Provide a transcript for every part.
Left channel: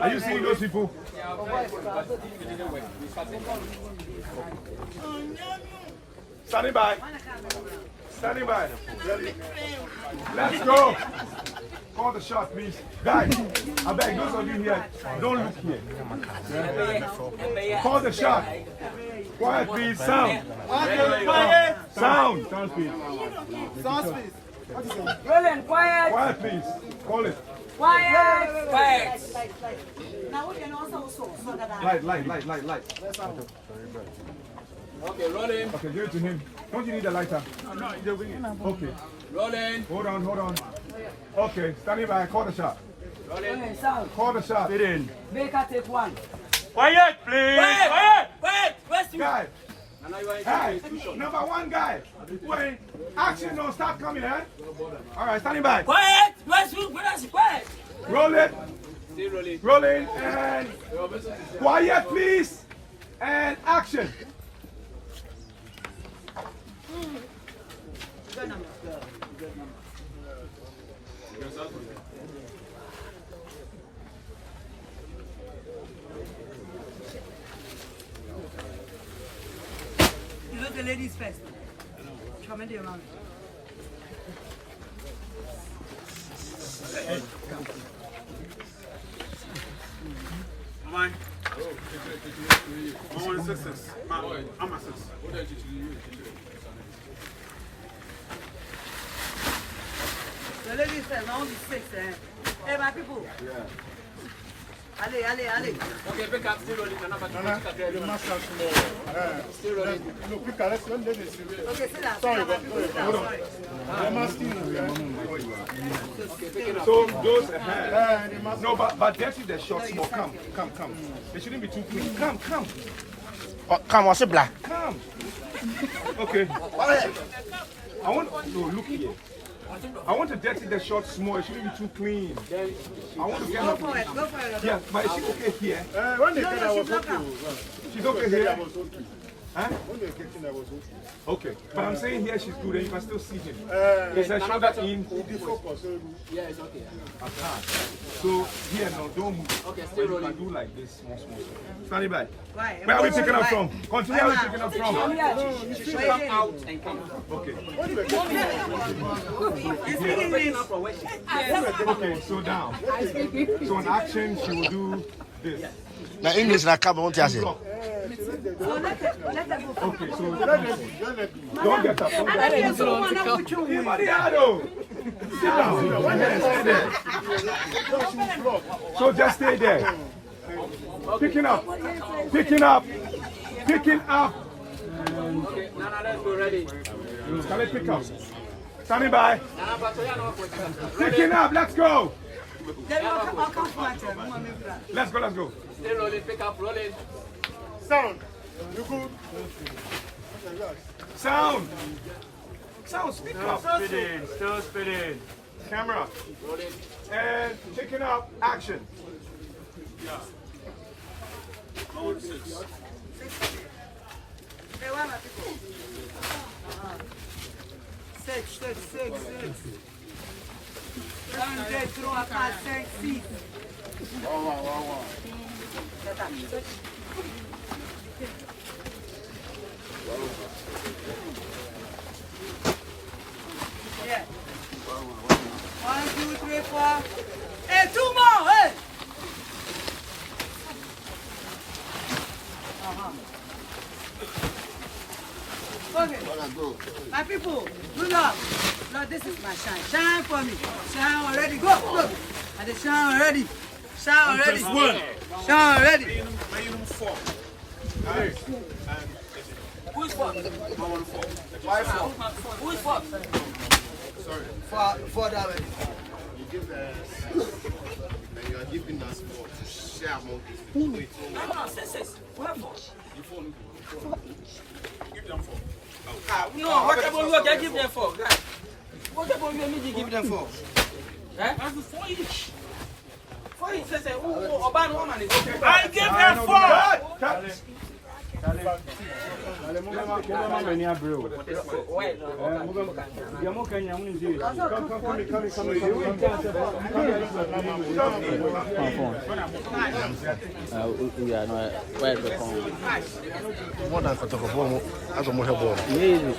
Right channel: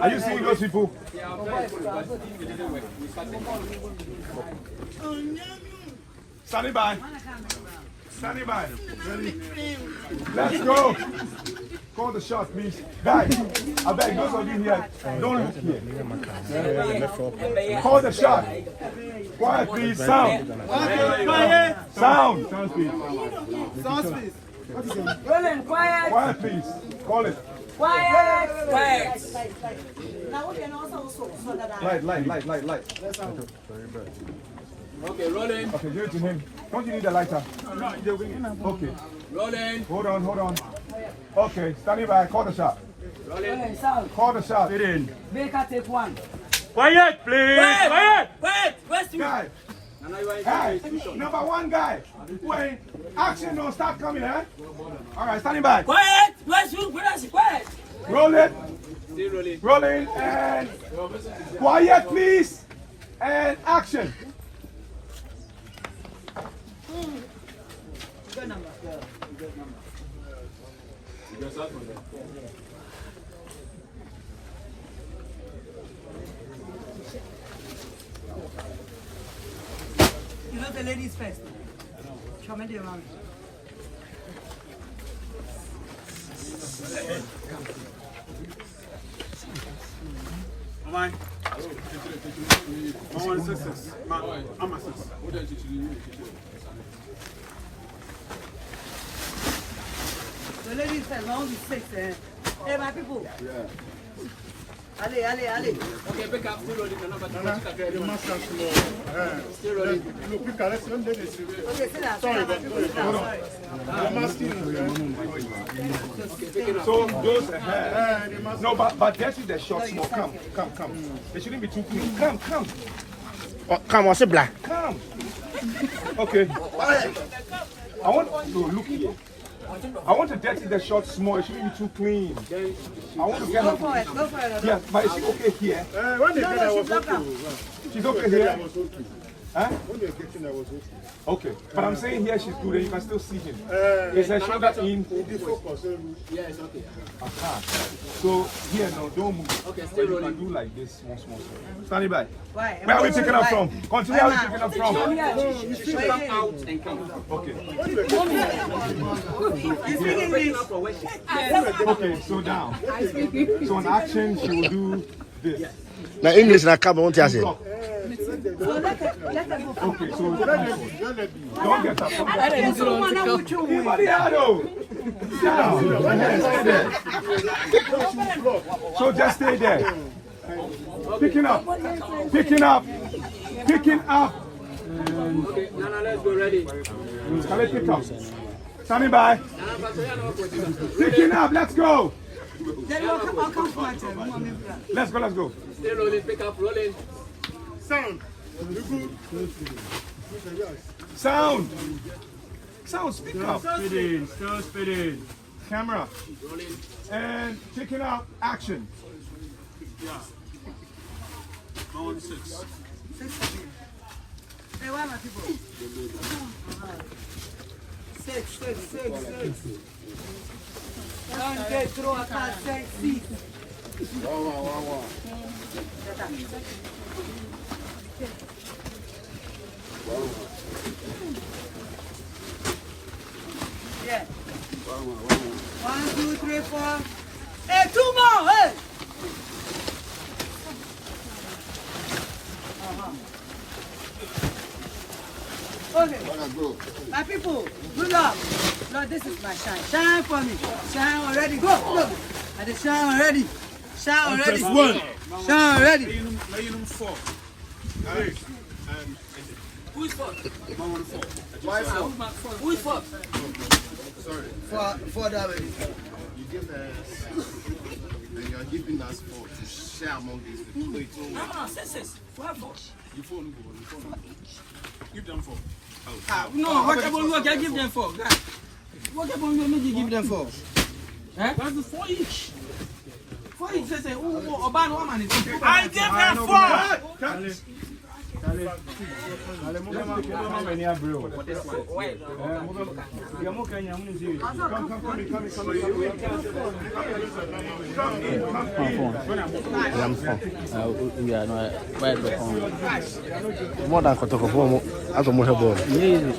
Are you seeing those people? Standing by. Standing by. Ready? Let's go. Call the shot, please. Guys, I beg those of you here, don't look here. Call the shot. Quiet, please. Sound. Sound. Sound, please. Sound, please. Rolling, quiet. Quiet, please. Call it. Quiet. Quiet. Light. Okay, rolling. Okay, give it to him. Don't you need a lighter? Okay. Rolling. Hold on. Okay, standing by. Call the shot. Rolling, sound. Call the shot. It in. Baker, take one. Quiet, please. Quiet. Where's Guys. Guys. Number one guy. Wait. Action don't start coming, eh? All right, standing by. Quiet. Where's quiet? Roll it. Still rolling. Rolling and quiet, please. And action. Good number. You know the ladies first. Come in around. Mama. Mama, success. I'm a success. The ladies first. Now only 6. Hey, my people. Yeah. Allez. Okay, pick up. Still rolling. Still rolling. Okay, sit down. My people, sit down. Sorry. So goes ahead. No, but that is the short small. Come. They shouldn't be too clean. Come. Come on, black. Come. Okay. I want to look here. I want to dirty the shot small. It shouldn't be too clean. I want to get her. Go for it. Yeah, but is she okay here? No, she's not come. She's okay here? Huh? Okay, but I'm saying here she's good and you can still see him. Is her shoulder in? Yeah, it's okay. Aha. So here now, don't move. Okay, but you can do like this, small. Standing by. Why? Where are we picking up from? Continue, where are we picking up from? Out and come. Okay. Yes. Okay, so down. So in action, she will do this. Now English na come on, say. Block. So let her go. Okay, so don't get up. Don't Mariano! Down. Stay there. So just stay there. Picking up. Let's go. Ready. Shall I pick up? Standing by. Picking up. Let's go. Then I'll come for it. Let's go. Still rolling. Pick up. Rolling. Sound, speak up. Still spinning. Camera. Rolling. And picking up. Action. Hey, why my people? 6. 1, 2, 3, 4, 5, 6. Yeah. 1, 2, 3, 4. Hey, 2 more. Hey. Okay. My people, good luck. Lord, this is my shine. Shine for me. Shine already. Go. And the shine already. Shine already. Shine already. Who is for? Who is for? Sorry. For that. You give us, and you are giving us for to share among these people. No, 6. What for? You fall into Give them 4. No, what about you? I give them 4. What about you? Give them 4. Eh? That's 4 each. 4 each. Say, oh, Oban woman is okay. I give them 4. More than Kotoko, I don't know.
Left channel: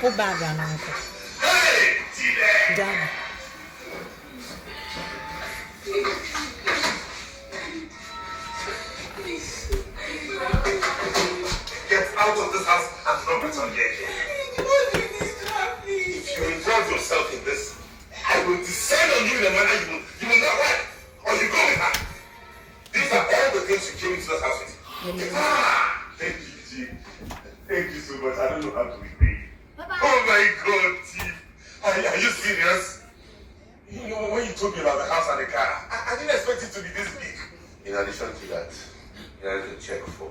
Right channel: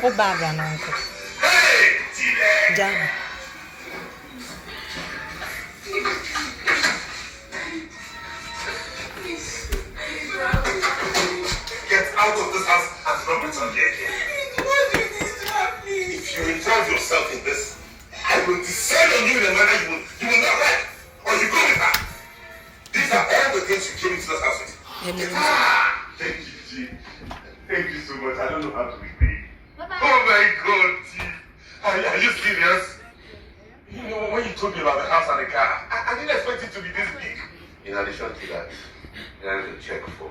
Who bag an uncle? Done. Get out of this house and not return here again. If you involve yourself in this, I will descend on you in a manner you will not like, or you go with her. Thank you, G. Thank you so much. I don't know how to repay. Oh my God, G. Are you serious? You know, when you told me about the house and the car, I didn't expect it to be this big. In addition to that, there is a check for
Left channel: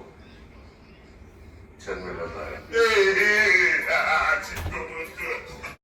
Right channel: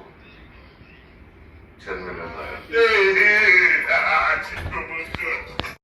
10 million. Hey,